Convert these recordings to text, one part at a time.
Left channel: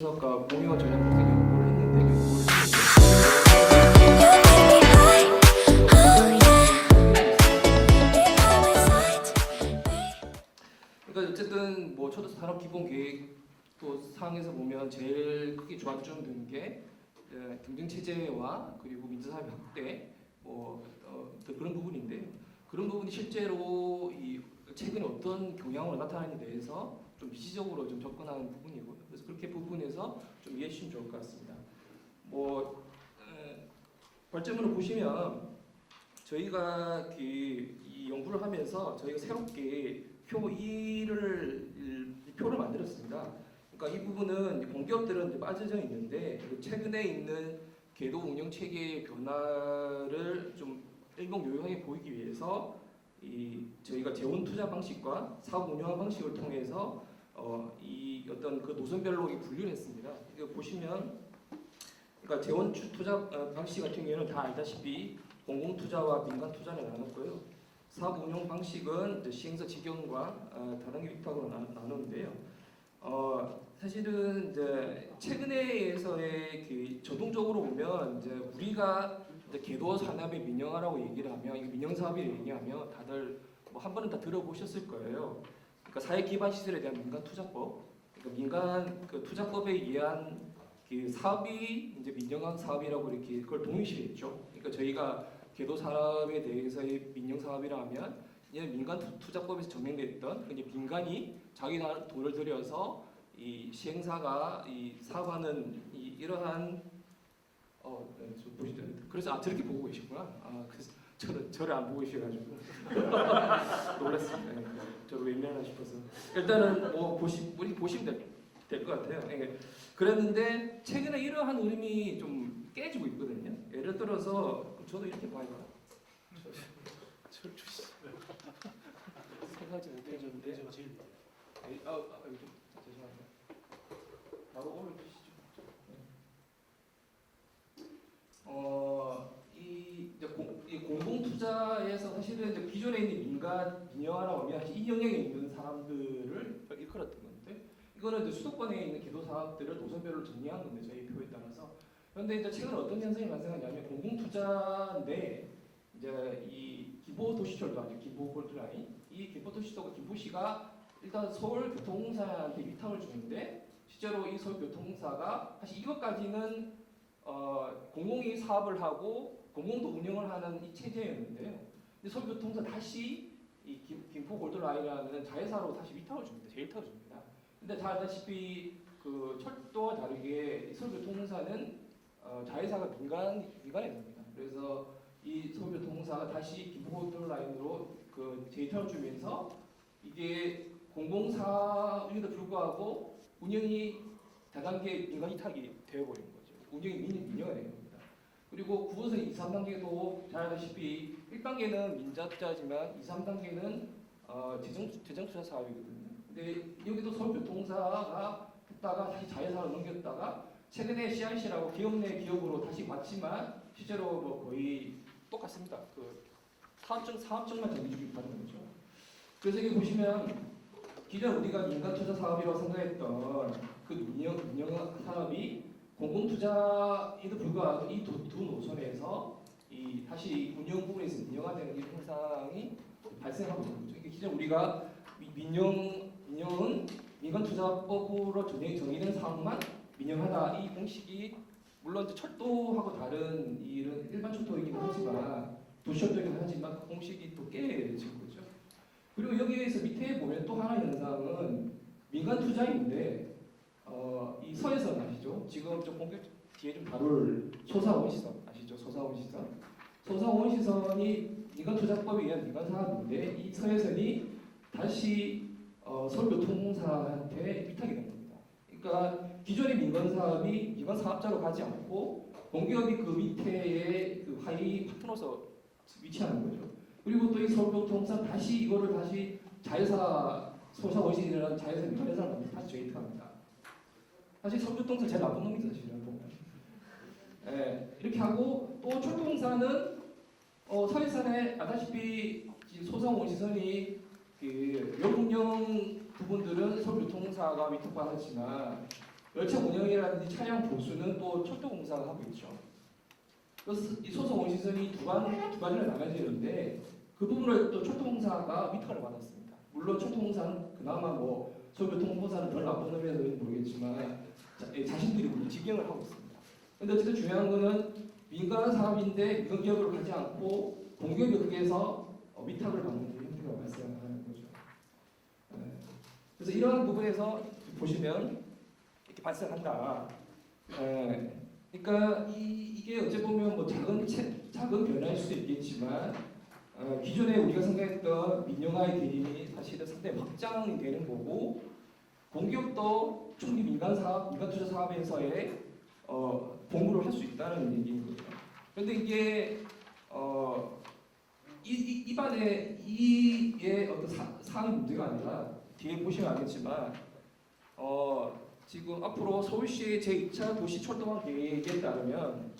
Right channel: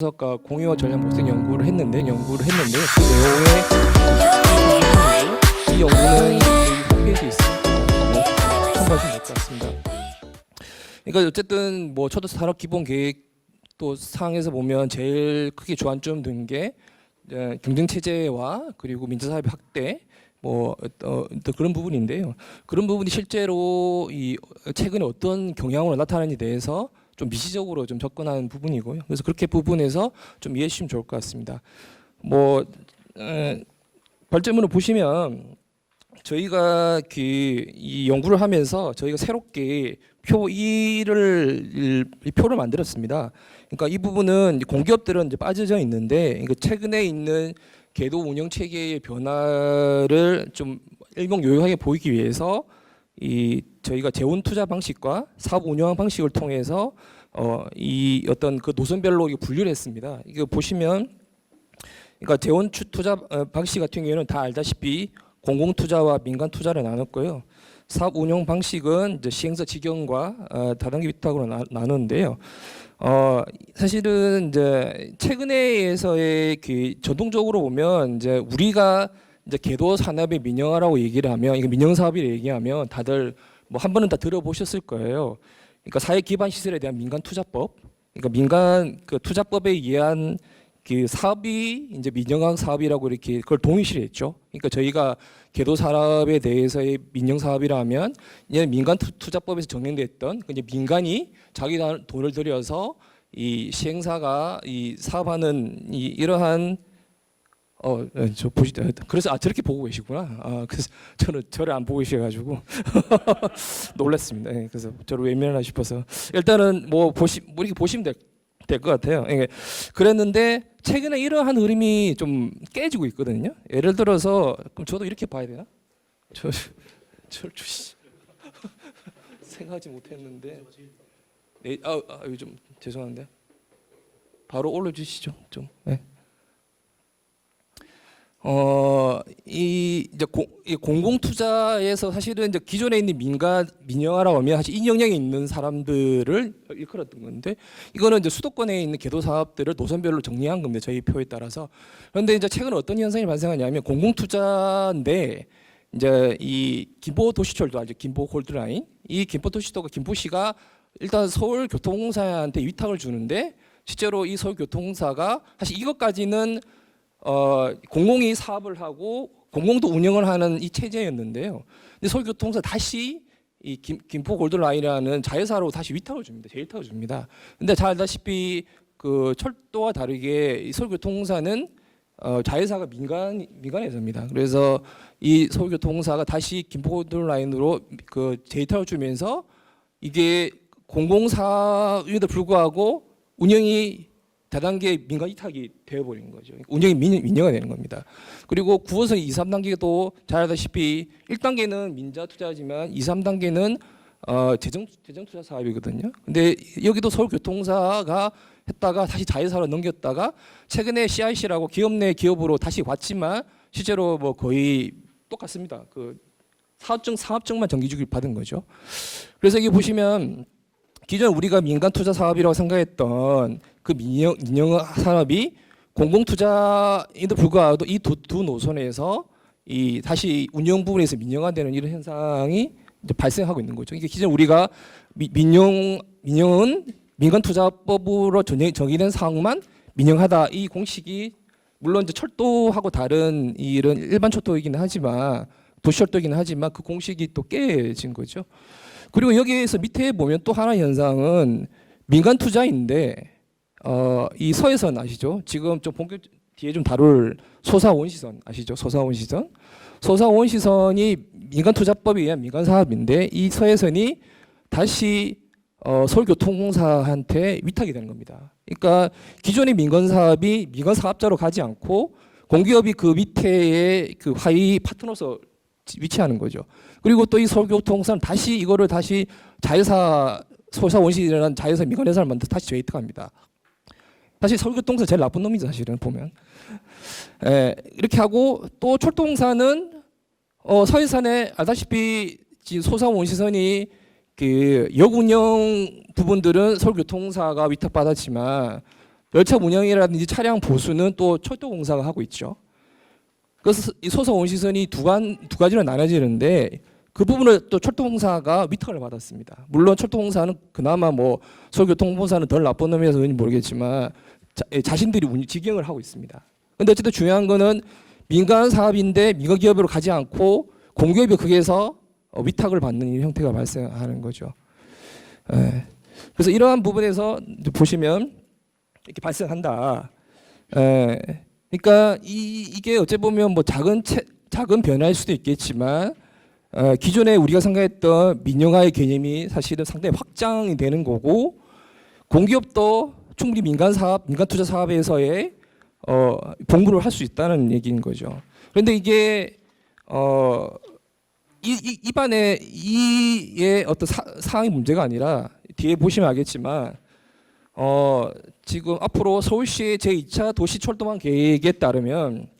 분석과 공유와 전략 모색 연구를 했는데 그러니까 어쨌든 뭐 초도 산업 기본 계획도 사항에서 보면 제일 크게 주안점 둔 게 경쟁 체제와 그리고 민주 사회 확대 또 그런 부분인데요. 그런 부분이 실제로 이 최근에 어떤 경향으로 나타나는지에 대해서 좀 미시적으로 좀 접근하는 부분이고요. 그래서 그렇게 부분에서 좀 이해해 주시면 좋을 것 같습니다. 발제문을 보시면 저희가 이 연구를 하면서 저희가 새롭게 표 1을 이 표를 만들었습니다. 그러니까 이 부분은 공기업들은 이제 빠져져 있는데 최근에 있는 궤도 운영 체계의 변화를 좀 일목요연하게 보이기 위해서 저희가 재원 투자 방식과 사업 운영 방식을 통해서 이 어떤 그 노선별로 분류를 했습니다. 이거 보시면 그러니까 재원 투자 방식 같은 경우에는 다 알다시피 공공 투자와 민간 투자를 나눴고요. 사업 운영 방식은 이제 시행사 직영과 다른 게 위탁으로 나누는데요. 사실은 이제 최근에에서의 그 전통적으로 보면 이제 우리가 이제 궤도 산업의 민영화라고 얘기를 하면 이거 민영 사업이라고 얘기하면 다들 뭐 한 번은 다 들어보셨을 거예요. 그러니까 사회 기반 시설에 대한 민간 투자법, 그러니까 민간 그 투자법에 의한 그 사업이 이제 민영화 사업이라고 이렇게 그걸 동일시를 했죠. 그러니까 저희가 궤도 산업에 대해서의 민영 사업이라면 얘는 민간 투자법에서 정형됐던 이제 민간이 자기 돈을 들여서 이 시행사가 이 사업하는 이러한 저 보시다. 그래서 저렇게 보고 계시구나. 그래서 저를 안 보고 계셔가지고 놀랐습니다. 예, 그래서 저를 외면하나 싶어서 일단은 뭐 이렇게 보시면 될 것 같아요. 예, 그랬는데 최근에 이러한 흐름이 좀 깨지고 있거든요. 예를 들어서 그럼 저도 이렇게 봐야 되나? 저를 주시 생각하지 못했는데. 네, 요즘 죄송한데 바로 올려주시죠. 좀. 네. 이제 공공 투자에서 사실은 이제 기존에 있는 민영화라고 하면 사실 인영역에 있는 사람들을 일컬었던 건데 이거는 이제 수도권에 있는 궤도 사업들을 노선별로 정리한 겁니다. 저희 표에 따라서. 그런데 이제 최근 어떤 현상이 발생하냐면 공공 투자인데 이제 이 김포 도시철도 알죠? 김포 골드라인. 이 김포 도시철도가 김포시가 일단 서울교통공사한테 위탁을 주는데 실제로 이 서울교통공사가 사실 이것까지는 공공이 사업을 하고 공공도 운영을 하는 이 체제였는데요. 근데 서울교통공사 다시 이 김포 골드라인이라는 자회사로 다시 위탁을 줍니다. 재위탁을 줍니다. 근데 잘 알다시피 그 철도와 다르게 이 서울교통공사는 자회사가 민간회사입니다. 그래서 이 서울교통공사가 다시 김포 골드라인으로 그 재위탁을 주면서 이게 공공사임에도 불구하고 운영이 다단계 민간 위탁이 되어버리는 거죠. 운영이 민영화 되는 겁니다. 그리고 9호선 2, 3단계도 잘 알다시피 1단계는 민자 투자지만 2, 3단계는 재정 투자 사업이거든요. 근데 여기도 서울교통사가 했다가 다시 자회사로 넘겼다가 최근에 CIC라고 기업 내 기업으로 다시 왔지만 실제로 뭐 거의 똑같습니다. 그 사업증만 정기주기 받은 거죠. 그래서 여기 보시면 기존 우리가 민간 투자 사업이라고 생각했던 그 민영 산업이 공공 투자에도 불구하고 이 두 노선에서 이 다시 운영 부분에서 민영화되는 이런 현상이 이제 발생하고 있는 거죠. 이게 기존 우리가 민영은 민간 투자법으로 정의된 사항만 민영하다 이 공식이 물론 이제 철도하고 다른 이런 일반 철도이기는 하지만 도시철도이기는 하지만 그 공식이 또 깨진 거죠. 그리고 여기에서 밑에 보면 또 하나 현상은 민간 투자인데 이 서해선 아시죠? 지금 좀 본격 뒤에 좀 다룰 소사원시선 아시죠? 소사원시선이 민간 투자법에 의한 민간 사업인데 이 서해선이 다시 서울교통공사한테 위탁이 되는 겁니다. 그러니까 기존의 민간 사업이 민간 사업자로 가지 않고 공기업이 그 밑에의 그 하위 파트너로서 위치하는 거죠. 그리고 또 이 서울교통공사는 다시 이거를 다시 자회사 소사원시라는 자회사 민간회사를 만들어 다시 재위탁합니다. 사실 서울교통공사 제일 나쁜 놈이죠, 사실은 보면. 이렇게 하고 또 철도공사는 서해산에 알다시피 소사원시선이 그 역운영 부분들은 서울교통공사가 위탁받았지만 열차 운영이라든지 차량 보수는 또 철도공사가 하고 있죠. 그래서 이 소사 원시선이 두 가지로 나눠지는데 그 부분을 또 철도공사가 위탁을 받았습니다. 물론 철도공사는 그나마 뭐 서울교통공사는 덜 나쁜 놈이라서 그런지 모르겠지만 자신들이 직영을 하고 있습니다. 근데 어쨌든 중요한 거는 민간 사업인데 민간 기업으로 가지 않고 공기업이 거기에서 위탁을 받는 형태가 발생하는 거죠. 그래서 이러한 부분에서 보시면 이렇게 발생한다. 그러니까 이게 어째 보면 뭐 작은 변화일 수도 있겠지만 기존에 우리가 생각했던 민영화의 개념이 사실은 상당히 확장이 되는 거고 공기업도 충분히 민간 투자 사업에서의 공부를 할 수 있다는 얘기인 거죠. 그런데 이게 입안에 이의 어떤 사항이 문제가 아니라 뒤에 보시면 알겠지만 지금 앞으로 서울시 제2차 도시철도망 계획에 따르면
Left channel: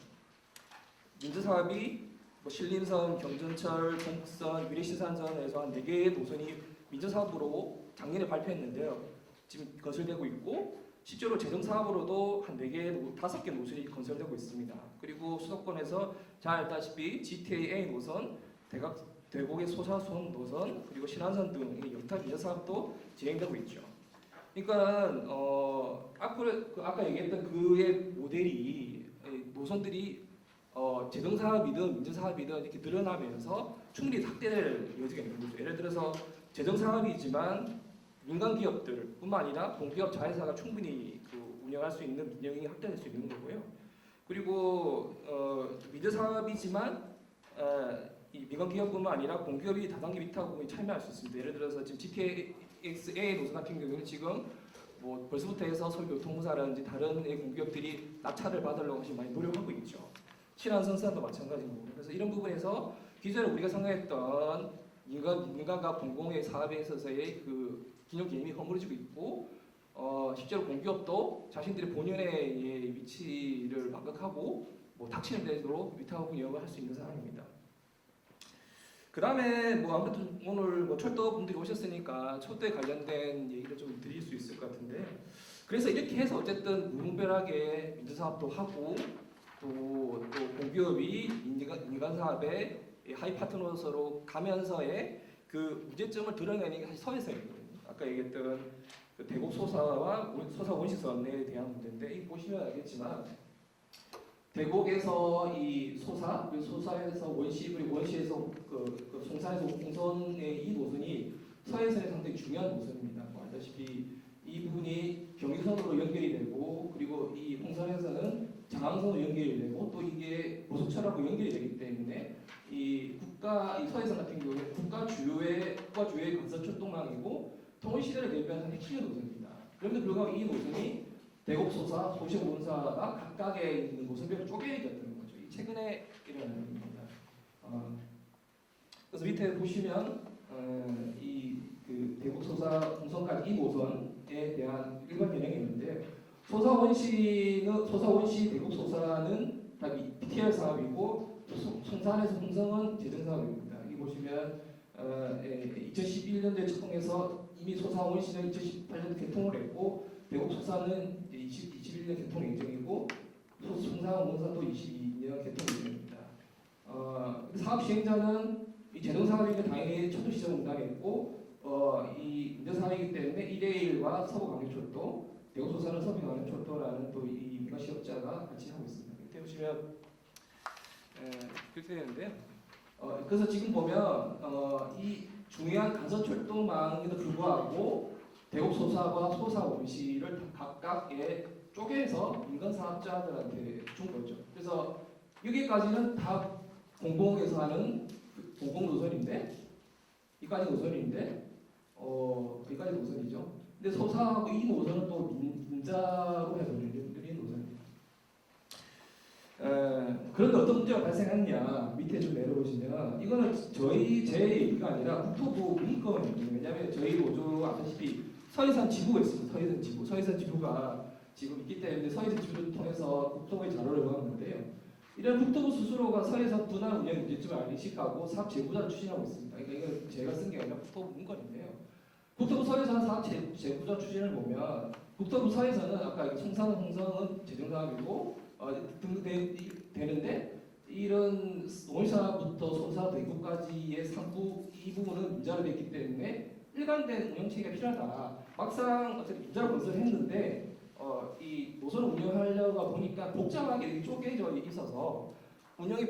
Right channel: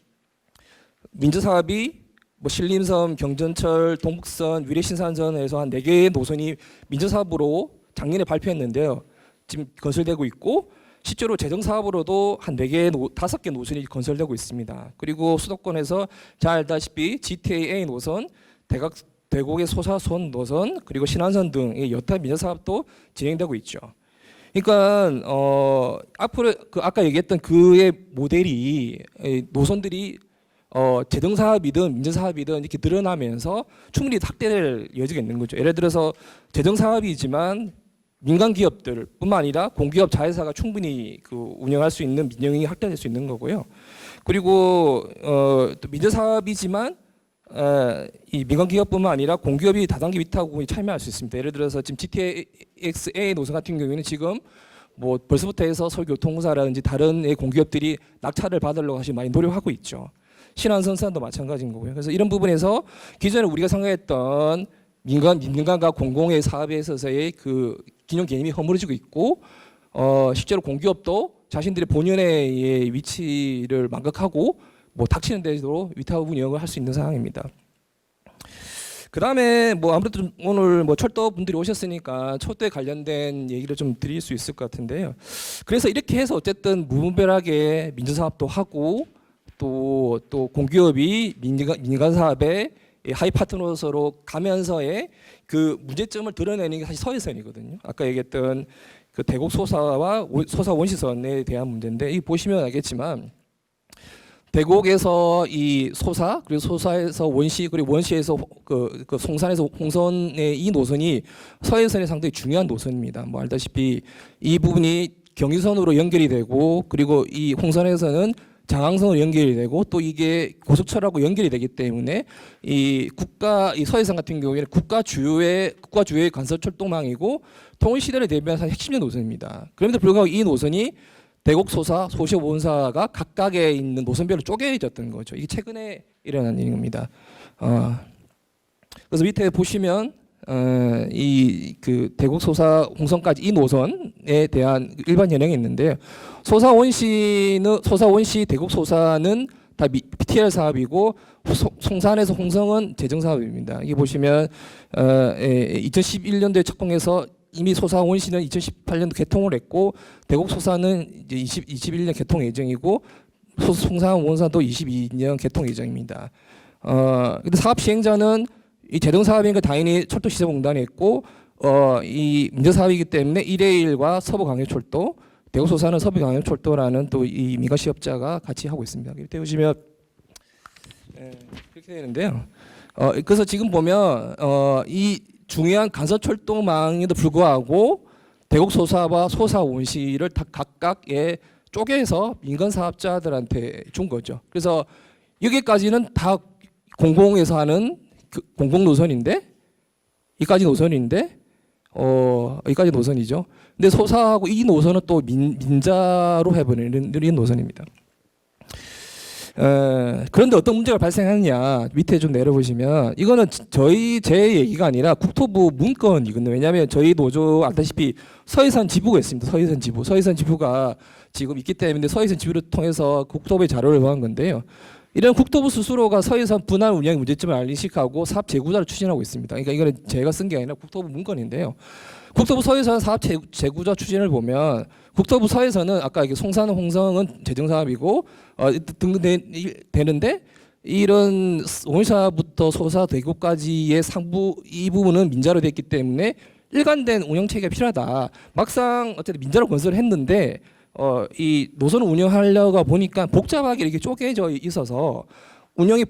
민주사업이 뭐 신림선, 경전철, 동북선, 위례신산선에서 한 4개의 노선이 민주사업으로 작년에 발표했는데요. 지금 건설되고 있고 실제로 재정사업으로도 한 5개 노선이 건설되고 있습니다. 그리고 수도권에서 잘 알다시피 GTA 노선, 대곡의 소사선 노선, 그리고 신안선 등의 여타 민주사업도 진행되고 있죠. 그러니까 앞으로 아까 얘기했던 그의 모델이 노선들이 재정사업이든 민주사업이든 이렇게 늘어나면서 충분히 확대될 여지가 있는 거죠. 예를 들어서 재정사업이지만 민간 기업들뿐만 아니라 공기업 자회사가 충분히 운영할 수 있는 민영이 확대될 수 있는 거고요. 그리고 또 민주사업이지만 이 민간 기업뿐만 아니라 공기업이 다단계 위탁에 참여할 수 있습니다. 예를 들어서 지금 GTX-A 노선 같은 경우에는 지금 뭐 벌써부터 해서 서울교통공사라든지 다른 공기업들이 낙찰을 받으려고 사실 많이 노력하고 있죠. 신안선도 마찬가지인 거고요. 그래서 이런 부분에서 기존에 우리가 생각했던 민간과 공공의 사업에 있어서의 그 균형 개념이 허물어지고 있고 실제로 공기업도 자신들의 본연의 위치를 망각하고 뭐 닥치는 대로 위탁 운영을 할 수 있는 상황입니다. 그 다음에 뭐 아무래도 좀 오늘 뭐 철도 분들이 오셨으니까 철도에 관련된 얘기를 좀 드릴 수 있을 것 같은데요. 그래서 이렇게 해서 어쨌든 무분별하게 민주사업도 하고 또 공기업이 민간 사업에 하이 파트너로 가면서의 그 문제점을 드러내는 게 사실 서해선이거든요. 아까 얘기했던 그 대곡 소사와 소사 원시선에 대한 문제인데 이 보시면 알겠지만 대곡에서 이 소사 그리고 소사에서 원시 그리고 원시에서 그 송산에서 홍선의 이 노선이 서해선에 상당히 중요한 노선입니다. 뭐 알다시피 이 부분이 경의선으로 연결이 되고 그리고 이 홍선에서는 장항선으로 연결이 되고 또 이게 고속철하고 연결이 되기 때문에 이 서해선 같은 경우에는 국가 주요의 간선철도망이고 통일 시대를 대비한 핵심적 노선입니다. 그런데 불구하고 이 노선이 대곡 소사, 소시오 본사가 각각에 있는 노선별로 쪼개졌던 거죠. 이게 최근에 일어난 일입니다. 그래서 밑에 보시면 이 그 대곡 소사 홍선까지 이 노선에 대한 일반 현행이 있는데요. 소사 원시 대곡 소사는 다 BTL 사업이고 송산에서 홍성은 재정 사업입니다. 이게 보시면 2011년도에 착공해서 이미 소사 원시는 2018년도 개통을 했고 대곡 소사는 이제 21년 개통 예정이고 송산 원사도 22년 개통 예정입니다. 근데 사업 시행자는 이 재정 사업이니까 당연히 철도시설공단이 있고 이 민간 사업이기 때문에 1회1과 서부광역철도 대곡 소사는 서부광역철도라는 또 이 민간 시업자가 같이 하고 있습니다. 이렇게 보시면 그렇게 되는데요. 그래서 지금 보면 이 중요한 간선철도망에도 불구하고 대곡 소사와 소사 원시를 다 각각에 쪼개서 민간 사업자들한테 준 거죠. 그래서 여기까지는 다 공공에서 하는 공공 노선인데 이까지 노선인데 여기까지 노선이죠. 근데 소사하고 이 노선은 또 민자로 해버리는 노선입니다. 그런데 어떤 문제가 발생하느냐 밑에 좀 내려보시면 이거는 제 얘기가 아니라 국토부 문건이거든요. 왜냐하면 저희 노조 아다시피 서해선 지부가 있습니다. 서해선 지부가 지금 있기 때문에 서해선 지부를 통해서 국토부에 자료를 요한 건데요. 이런 국토부 스스로가 서해선 분할 운영 문제점을 인식하고 사업 재구자를 추진하고 있습니다. 그러니까 이거는 제가 쓴 게 아니라 국토부 문건인데요. 국토부 서해선 사업 재구조 추진을 보면 국토부 서해선은 아까 이게 송산 홍성은 재정 사업이고 등등 되는데 이런 원사부터 소사 대구까지의 상부 이 부분은 민자로 됐기 때문에 일관된 운영 체계가 필요하다. 막상 어쨌든 민자로 건설을 했는데 이 노선을 운영하려고 보니까 복잡하게 이렇게 쪼개져 있어서 운영이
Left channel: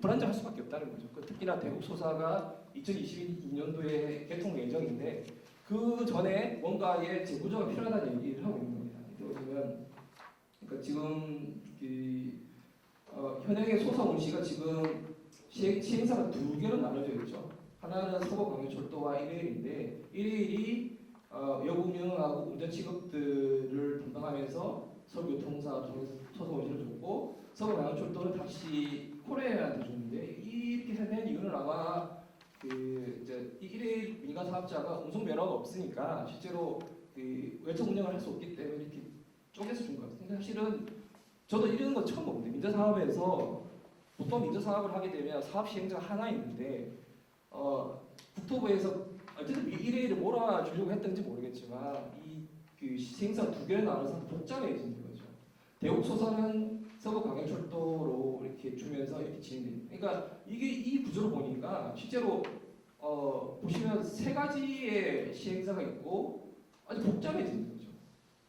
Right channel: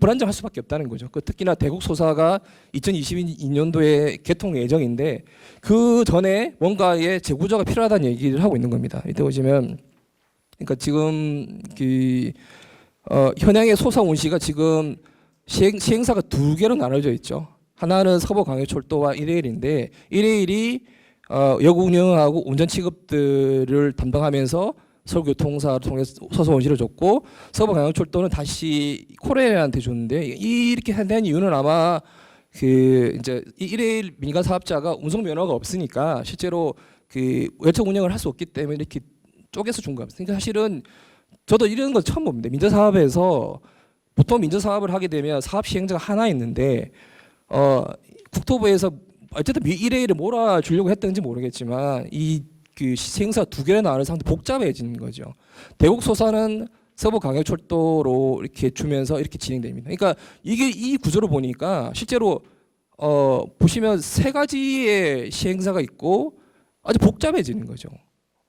불안정할 수밖에 없다는 거죠. 특히나 대국 소사가 2022년도에 개통 예정인데 그 전에 뭔가의 재구조가 필요하다는 얘기를 하고 있는 겁니다. 이때 보시면 그러니까 지금 현행의 소사 운시가 지금 시행사가 두 개로 나눠져 있죠. 하나는 서부광역철도와 일레일인데 일레일이 여구 운영하고 운전 취급들을 담당하면서 서울교통사를 통해서 서서 원시를 줬고 서부광역철도는 다시 코레일한테 줬는데 이렇게 된 이유는 아마 이제 일레일 민간 사업자가 운송 면허가 없으니까 실제로 열차 운영을 할 수 없기 때문에 이렇게 쪼개서 준 겁니다. 그러니까 사실은 저도 이런 건 처음 봅니다. 민자사업에서 보통 민자사업을 하게 되면 사업 시행자가 하나 있는데 국토부에서 어쨌든 일레일을 몰아주려고 했던지 모르겠지만 시행사 두 개를 나누는 상태 복잡해지는 거죠. 대국 소사는 서부광역철도로 이렇게 주면서 이렇게 진행됩니다. 그러니까 이 구조를 보니까 실제로 보시면 세 가지의 시행사가 있고 아주 복잡해지는 거죠.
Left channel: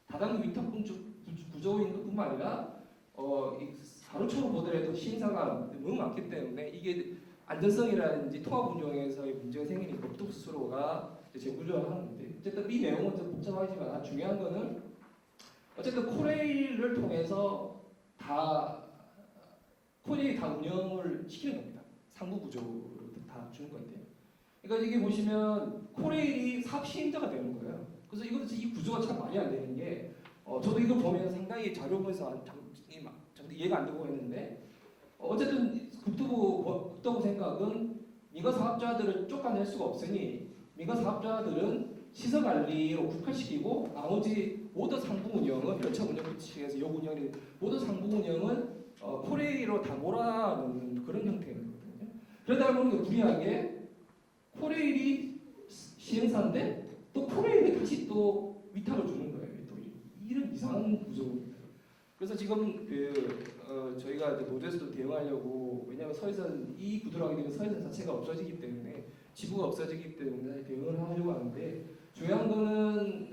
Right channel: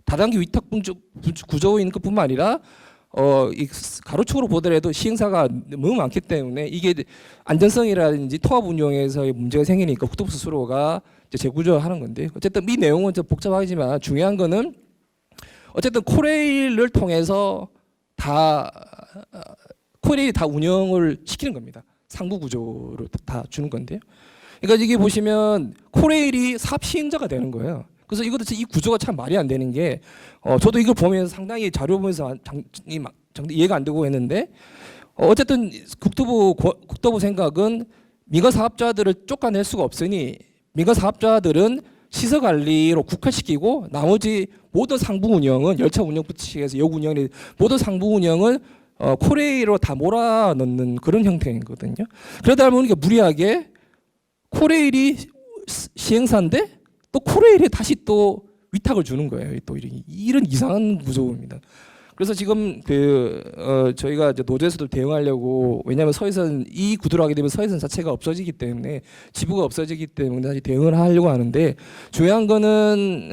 다단계 위탁 구조인 것뿐만 아니라 이 가로축으로 보더라도 시행사가 너무 많기 때문에 이게 안전성이라든지 통합 운영에서의 문제가 생기니까 국토부 스스로가 재구조하는 건데 어쨌든 이 내용은 좀 복잡하지만 중요한 거는 어쨌든 코레일을 통해서 코레일이 다 운영을 시키는 겁니다. 상부 구조로 다 주는 건데요. 그러니까 이게 보시면 코레일이 사업 시행자가 되는 거예요. 그래서 이것도 이 구조가 참 말이 안 되는 게 저도 이걸 보면서 상당히 자료 보면서 이해가 안 되고 했는데 어쨌든 국토부 생각은 민간 사업자들을 쫓아낼 수가 없으니 민간 사업자들은 시설 관리로 국화시키고 나머지 모든 상부 운영은 열차 운영부터 시작해서 역 운영이 모든 상부 운영은 코레일로 다 몰아넣는 그런 형태이거든요. 그러다 보니까 무리하게 코레일이 시행사인데 또 코레일이 다시 또 위탁을 주는 거예요. 또 이런 이상한 구조입니다. 그래서 지금 저희가 이제 노조에서도 대응하려고 왜냐하면 서해선 이 구도로 하게 되면 서해선 자체가 없어지기 때문에 지부가 없어지기 때문에 다시 대응을 하려고 하는데 중요한 거는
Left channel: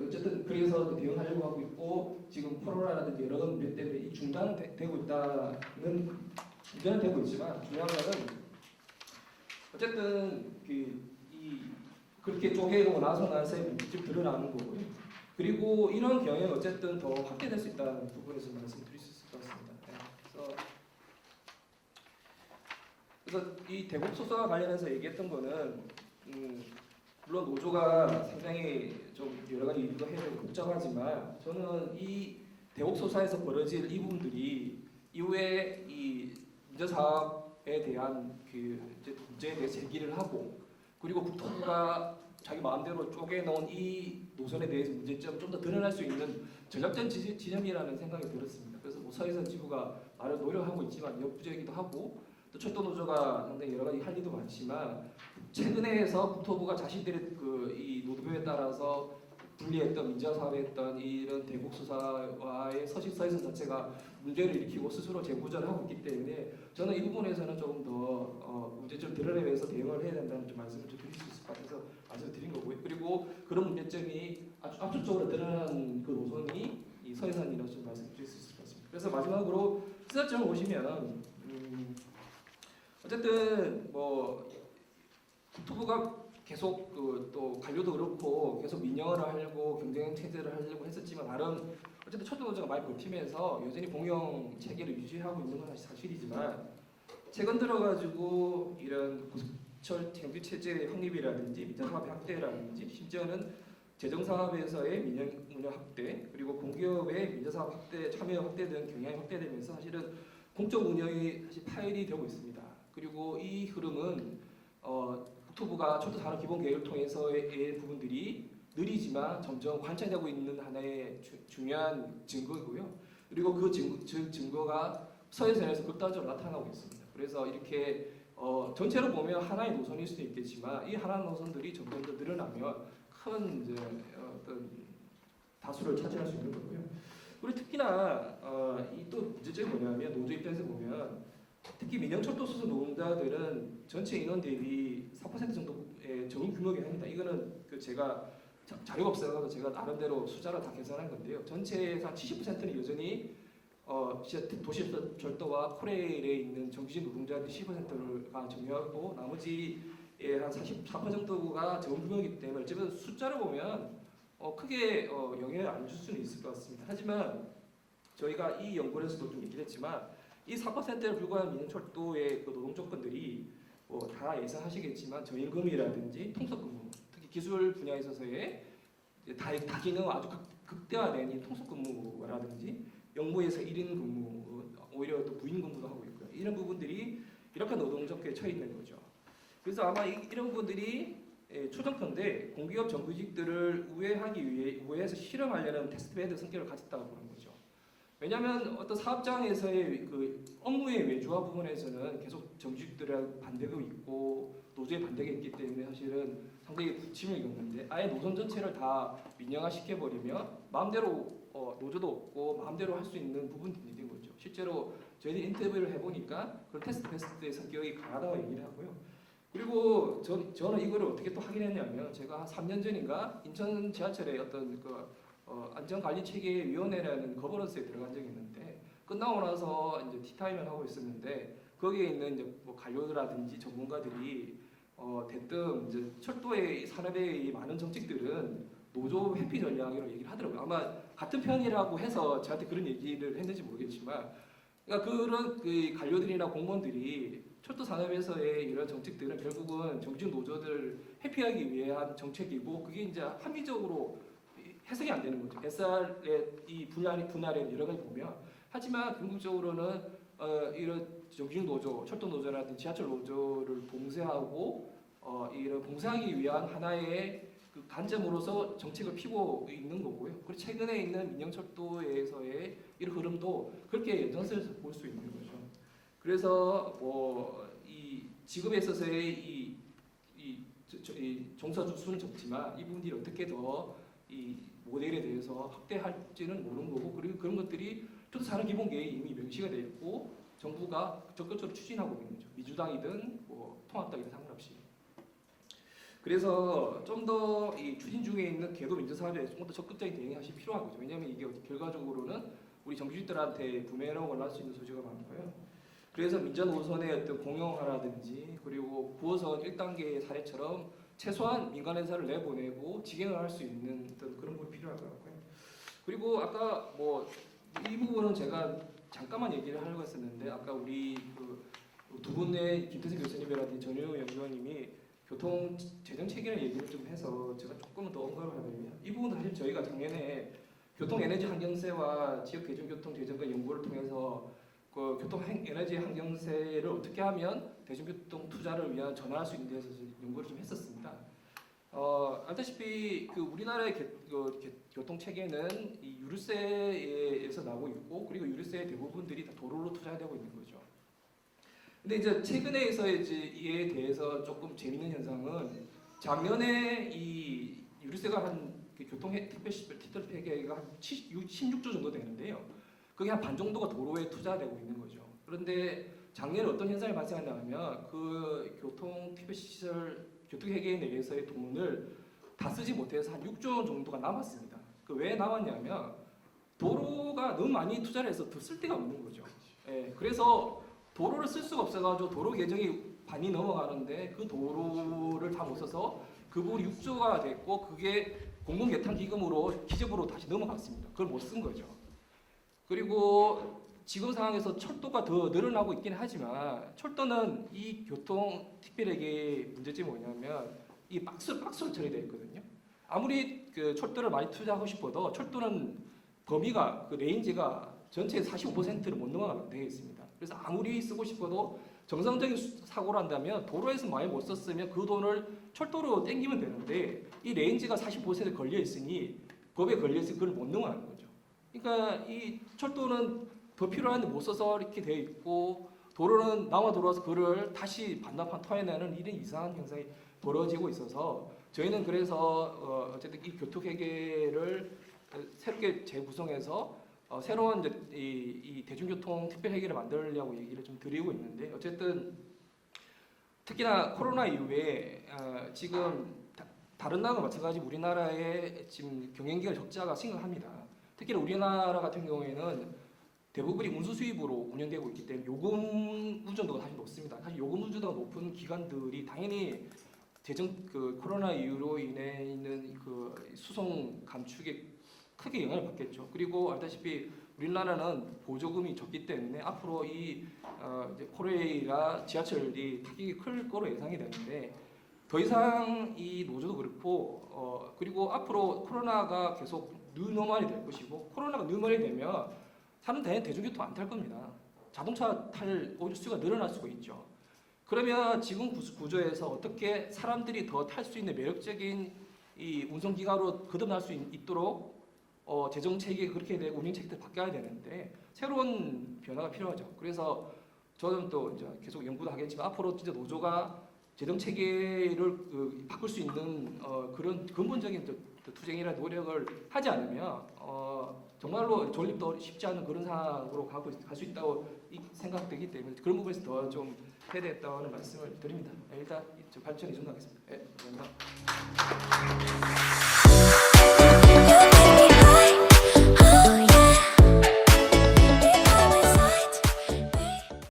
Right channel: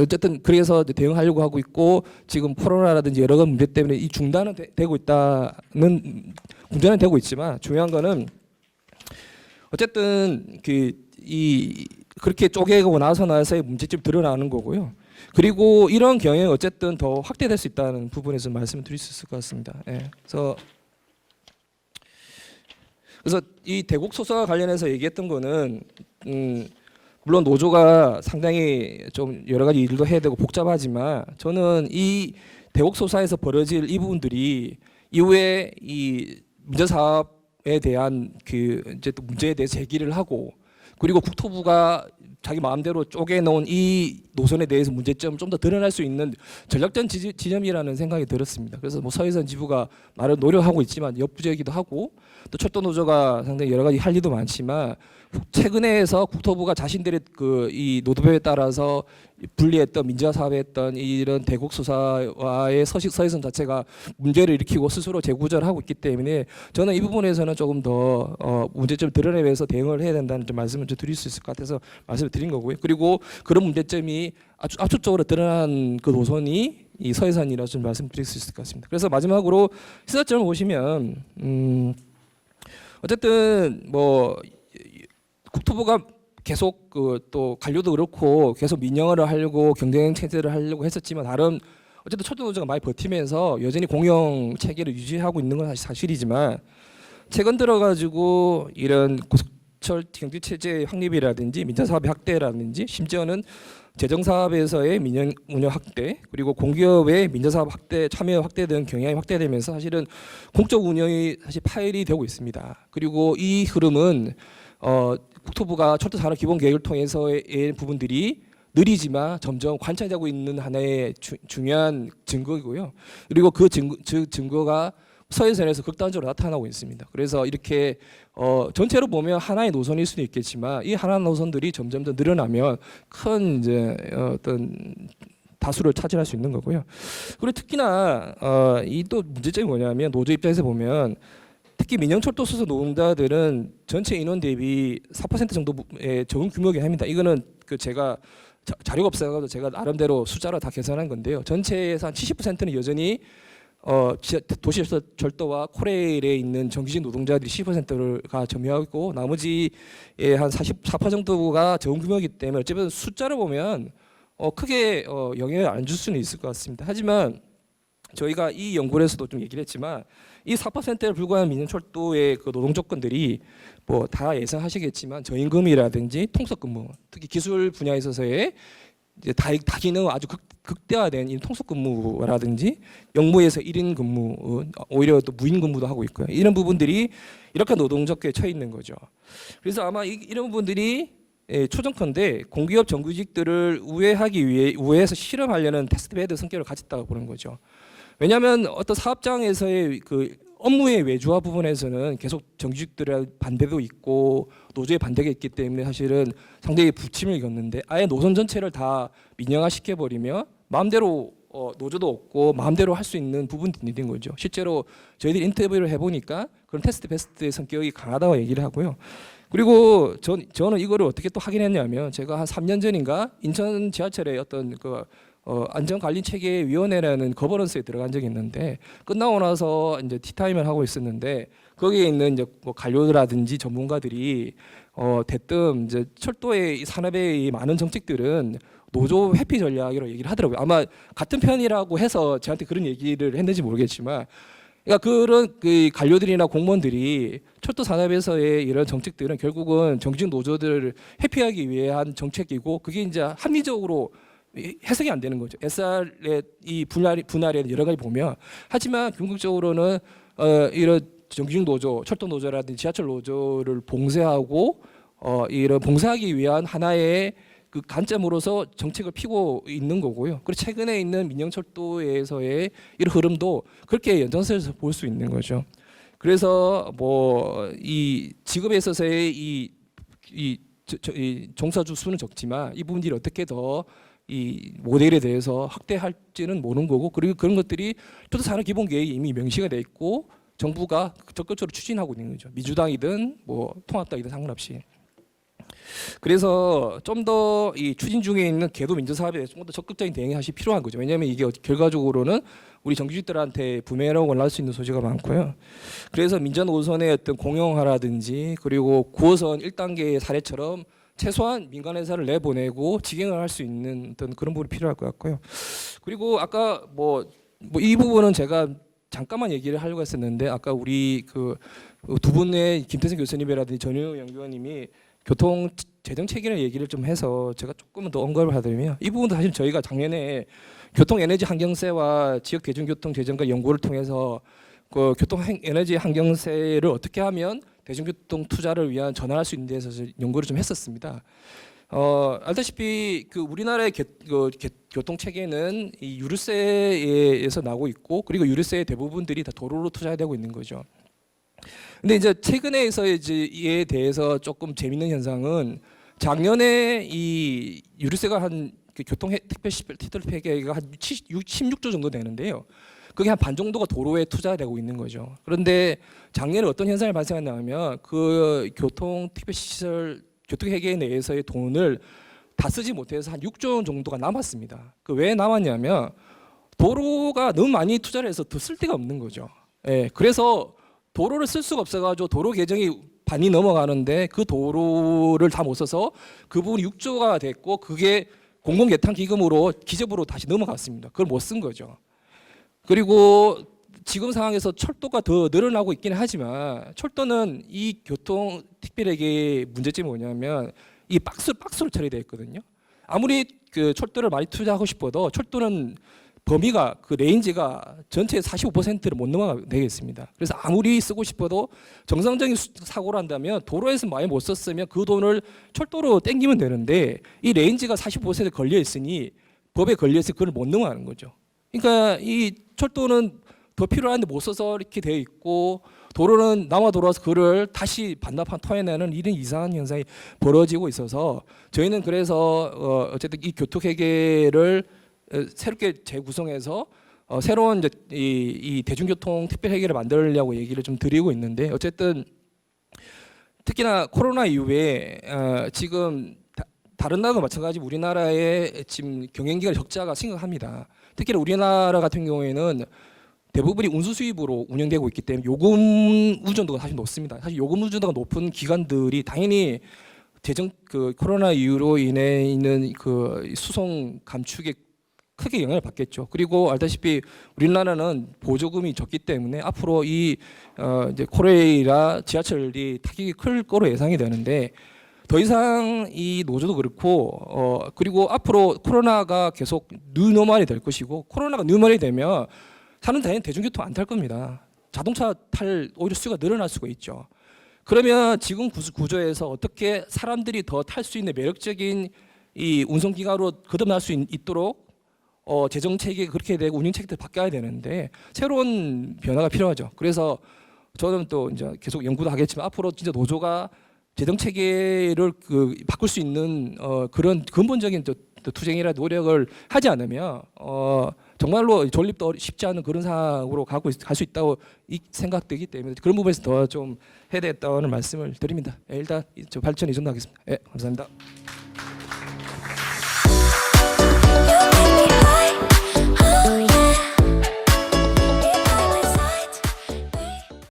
어쨌든 그래서 대응하려고 하고 있고 지금 코로나라든지 여러 가지 문제 때문에 이 중단은 되고 있지만 중요한 거는 어쨌든 그렇게 쪼개고 나서의 문제점이 드러나는 거고요. 그리고 이런 경향이 어쨌든 더 확대될 수 있다는 부분에서 말씀을 드릴 수 있을 것 같습니다. 예. 그래서 이 대국 소사 관련해서 얘기했던 거는 물론 노조가 상당히 좀 여러 가지 일도 해야 되고 복잡하지만 저는 이 대국 소사에서 벌어질 이 부분들이 이후에 이 민자 사업에 대한 이제 또 문제에 대해서 제기를 하고 그리고 국토부가 자기 마음대로 쪼개놓은 이 노선에 대해서 문제점을 좀 더 드러날 수 있는 전략적 지점이라는 생각이 들었습니다. 그래서 뭐 서해선 지부가 나름 노력하고 있지만 역부족이기도 하고 또 철도 노조가 상당히 여러 가지 할 일도 많지만 최근에서 국토부가 자신들의 이 노드맵에 따라서 분리했던 민자 사업에 했던 이런 대국 수사와의 서해선 자체가 문제를 일으키고 스스로 재구조를 하고 있기 때문에 저는 이 부분에서는 조금 더 문제점 드러내면서 대응을 해야 된다는 좀 말씀을 좀 드릴 수 있을 것 같아서 말씀을 드린 거고요. 그리고 그런 문제점이 압축적으로 드러난 그 노선이 이 서해선이라고 좀 말씀드릴 수 있을 것 같습니다. 그래서 마지막으로 시사점을 보시면 어쨌든 뭐 국토부가 계속 또 관료도 그렇고 계속 민영화를 하려고 경쟁 체제를 하려고 했었지만 다른 어쨌든 철도 노조가 많이 버티면서 여전히 공영 체계를 유지하고 있는 건 사실이지만 최근 들어가지고 이런 고속철 경비 체제 확립이라든지 민자 사업의 확대라든지 심지어는 재정 사업에서의 민영 운영 확대 그리고 공기업의 민자 사업 확대 참여 확대 등 경향이 확대되면서 사실은 공적 운영이 사실 파열이 되고 있습니다. 그리고 이 흐름은 국토부가 철도 산업 기본 계획을 통해서의 부분들이 느리지만 점점 관찰되고 있는 하나의 중요한 증거이고요. 그리고 그 증거가 서해선에서 극단적으로 나타나고 있습니다. 그래서 이렇게 전체로 보면 하나의 노선일 수도 있겠지만 이 하나 노선들이 점점 더 늘어나면 큰 이제 어떤 다수를 차지할 수 있는 거고요. 그리고 특히나 이 또 문제점이 뭐냐면 노조 입장에서 보면 특히 민영철도 소속 노동자들은 전체 인원 대비 4% 정도의 적은 규모이긴 합니다. 이거는 그 제가 자료가 없어서 제가 나름대로 숫자로 다 계산한 건데요. 전체에서 한 70%는 여전히 도시철도와 코레일에 있는 정규직 노동자들이 10%가 점유하고 나머지의 한 44% 정도가 적은 규모이기 때문에 어쨌든 숫자를 보면 크게 영향을 안 줄 수는 있을 것 같습니다. 하지만 저희가 이 연구에서도 좀 얘기를 했지만 이 4%에 불과한 민영철도의 그 노동 조건들이 뭐 다 예상하시겠지만 저임금이라든지 통속근무, 특히 기술 분야에 있어서의 이제 다기능 아주 극대화된 이 통속근무라든지 영무에서 1인 근무, 오히려 또 무인 근무도 하고 있고요. 이런 부분들이 이렇게 노동 적계에 처해 있는 거죠. 그래서 아마 이런 부분들이 초정컨대 공기업 정규직들을 우회해서 실험하려는 테스트베드 성격을 가졌다고 보는 거죠. 왜냐하면 어떤 사업장에서의 그 업무의 외주화 부분에서는 계속 정규직들의 반대도 있고 노조의 반대가 있기 때문에 사실은 상당히 부침을 겪는데 아예 노선 전체를 다 민영화시켜 버리면 마음대로 노조도 없고 마음대로 할 수 있는 부분들이 있는 거죠. 실제로 저희들이 인터뷰를 해보니까 그런 테스트 베스트의 성격이 강하다고 얘기를 하고요. 그리고 저는 이거를 어떻게 또 확인했냐면 제가 한 3년 전인가 인천 지하철에 어떤 그 안전관리체계위원회라는 거버넌스에 들어간 적이 있는데 끝나고 나서 이제 티타임을 하고 있었는데 거기에 있는 이제 뭐 관료라든지 전문가들이 대뜸 이제 철도의 산업의 많은 정책들은 노조 회피 전략이라고 얘기를 하더라고요. 아마 같은 편이라고 해서 저한테 그런 얘기를 했는지 모르겠지만, 그러니까 그런 그 관료들이나 공무원들이 철도 산업에서의 이런 정책들은 결국은 정규직 노조들을 회피하기 위한 정책이고 그게 이제 합리적으로 해석이 안 되는 거죠. SR의 이 분할에 여러 가지 보면 하지만 궁극적으로는 이런 정규직 노조, 철도 노조라든지 지하철 노조를 봉쇄하고 이런 봉쇄하기 위한 하나의 그 관점으로서 정책을 피고 있는 거고요. 그리고 최근에 있는 민영철도에서의 이런 흐름도 그렇게 연장선에서 볼 수 있는 거죠. 그래서 뭐 이 직업에 있어서의 이 종사주 수는 적지만 이 부분들이 어떻게 더 이 모델에 대해서 확대할지는 모르는 거고, 그리고 그런 것들이 철도 산업 기본 계획이 이미 명시가 돼 있고 정부가 적극적으로 추진하고 있는 거죠. 민주당이든 뭐 통합당이든 상관없이. 그래서 좀 더 이 추진 중에 있는 계도 민주 사업에 대해서 좀 더 적극적인 대응이 사실 필요한 거죠. 왜냐하면 이게 결과적으로는 우리 정규직들한테 부메랑을 날 수 있는 소지가 많고요. 그래서 민전 5선의 어떤 공영화라든지 그리고 9호선 1단계의 사례처럼 최소한 민간 회사를 내보내고 직행을 할 수 있는 어떤 그런 부분이 필요할 것 같고요. 그리고 아까 뭐 이 부분은 제가 잠깐만 얘기를 하려고 했었는데 아까 우리 그 두 분의 김태승 교수님이라든지 전효 연구원님이 교통 재정 체계를 얘기를 좀 해서 제가 조금은 더 언급을 하자면 이 부분도 사실 저희가 작년에 교통 에너지 환경세와 지역 대중교통 재정과 연구를 통해서 그 교통 에너지 환경세를 어떻게 하면 대중교통 투자를 위한 전환할 수 있는 데서 연구를 좀 했었습니다. 알다시피 그 우리나라의 교통 체계는 이 유류세에서 나오고 있고 그리고 유류세의 대부분들이 다 도로로 투자되고 있는 거죠. 근데 이제 최근에서의 이에 대해서 조금 재밌는 현상은 작년에 이 유류세가 한 교통 택배 티tle 폐기가 한 16조 정도 되는데요. 그게 한 반 정도가 도로에 투자되고 있는 거죠. 그런데 작년에 어떤 현상이 발생했냐면 그 교통 택배 시설 교통 회계 내에서의 돈을 다 쓰지 못해서 한 6조 원 정도가 남았습니다. 그 왜 남았냐면 도로가 너무 많이 투자를 해서 더 쓸 데가 없는 거죠. 예, 그래서 도로를 쓸 수가 없어가지고 도로 개정이 반이 넘어가는데 그 도로를 다 못 써서 그 부분이 6조가 됐고 그게 공공개탄기금으로 기재부로 다시 넘어갔습니다. 그걸 못 쓴 거죠. 그리고 지금 상황에서 철도가 더 늘어나고 있기는 하지만 철도는 이 교통 특별하게 문제점이 뭐냐면 이 박스로 처리되어 있거든요. 아무리 그 철도를 많이 투자하고 싶어도 철도는 범위가 그 레인지가 전체의 45%를 못 넘어가겠습니다. 그래서 아무리 쓰고 싶어도 정상적인 사고를 한다면 도로에서 많이 못 썼으면 그 돈을 철도로 땡기면 되는데 이 레인지가 45% 걸려 있으니 법에 걸려 있으니 그걸 못 넘어가는 거죠. 그러니까 이 철도는 더 필요한데 못 써서 이렇게 되어 있고 도로는 남아 돌아와서 그를 다시 반납한 토해내는 이런 이상한 현상이 벌어지고 있어서 저희는 그래서 어쨌든 이 교통회계를 새롭게 재구성해서 새로운 이제 이 대중교통 특별회계를 만들려고 얘기를 좀 드리고 있는데 어쨌든 특히나 코로나 이후에 지금 다른 나라와 마찬가지 우리나라의 지금 경영기관 적자가 심각합니다. 특히나 우리나라 같은 경우에는 대부분이 운수 수입으로 운영되고 있기 때문에 요금 의존도가 사실 높습니다. 사실 요금 의존도가 높은 기관들이 당연히 그 코로나 이후로 인해 있는 그 수송 감축에 크게 영향을 받겠죠. 그리고 알다시피 우리나라는 보조금이 적기 때문에 앞으로 이 이제 코레일이나 지하철이 타격이 클 거로 예상이 되는데 더 이상 이 노조도 그렇고 그리고 앞으로 코로나가 계속 뉴노멀이 될 것이고 코로나가 뉴노멀이 되면 사는 당연히 대중교통 안 탈 겁니다. 자동차 탈 오히려 수가 늘어날 수가 있죠. 그러면 지금 구조에서 어떻게 사람들이 더 탈 수 있는 매력적인 이 운송기관으로 거듭날 수 있도록 재정 체계 그렇게 되고 운영 체계도 바뀌어야 되는데 새로운 변화가 필요하죠. 그래서 저는 또 이제 계속 연구도 하겠지만 앞으로 진짜 노조가 재정 체계를 바꿀 수 있는 그런 근본적인 투쟁이나 노력을 하지 않으면 정말로 존립도 쉽지 않은 그런 상황으로 갈 수 있다고 생각되기 때문에 그런 부분에서 더 좀 해야 되겠다는 말씀을 드립니다. 일단 저 발전 이 정도 하겠습니다. 감사합니다.